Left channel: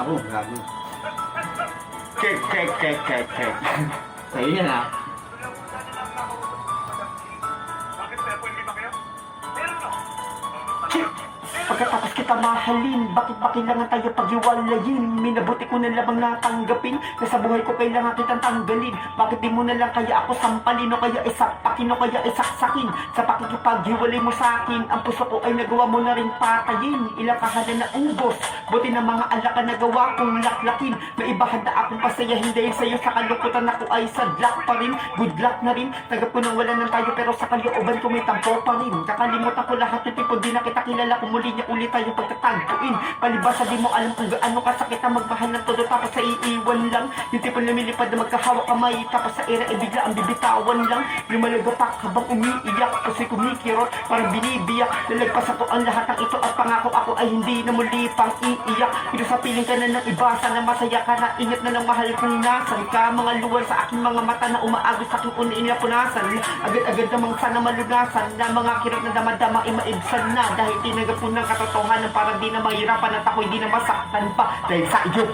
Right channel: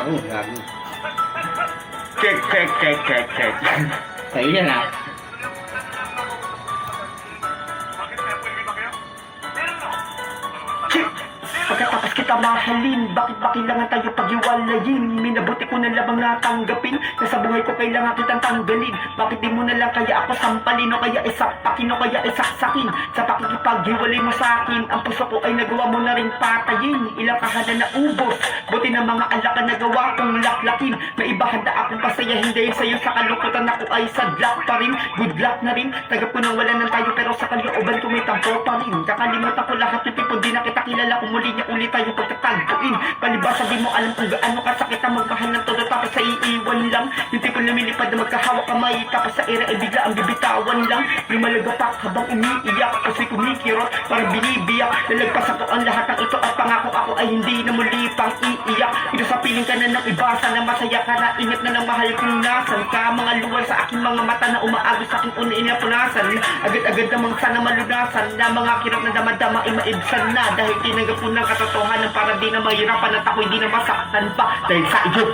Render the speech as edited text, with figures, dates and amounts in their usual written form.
Ako, gago. Check. Sa'yo yan ah. Pagkatapos kita mahalin, bakit ba kailangan tayo paghiwalayin? Minabuti ko na lamang natanggapin, na sa buhay ko kailangan kitang tanggalin. Bakit di mo na lang kaya ako sampalin, o kaya isapakin, o kaya isaksakin? Sa pakikipaghiwalay mo sa akin, ang puso ko ay nagawa mo na rin patayin. Ilang kahanan na ubos, buti na mga alakan na gawa kong laklakin. May ibahan na akong pasayahin dahil sa'yo sa kalungkutan ako ay sadlak pa rin. Good luck na rin, tagap ko nang wala ng tayo pero sa kalooban ko may tampo pa rin. Kakalimutan ko lahat yung tipo, di na kita kilala, kumuli niya ulit tayo pagtatagpuin. Palibasa di mo alam kung gaano kasakit ang magmahal ng todo tapos sa iiwan lang. Yung tipo lumilipad na magkahawak kamay tapos sa ere ay bigla ang bibitawan lang. Lumalagapak habang umiiyak kasi kumikirot parang binibiyak. Lalagpas ako ang lahat ng ito at pangako ako ay hindi na muli pang iiyak. Ito sa piling ka na ng iba, sana masaya ka na ingat na ng mahal kung nasan ka. Mga luwal sa aking mga mata na umaagos sa aking una inapunasan. Agad-agad namang sana malunasan na mga kirap na damadama ay maibsan na dahil tinanggap mo ng katotohanan para di na mahirapan at ako'y di na masaktan pa dahil sa iyo.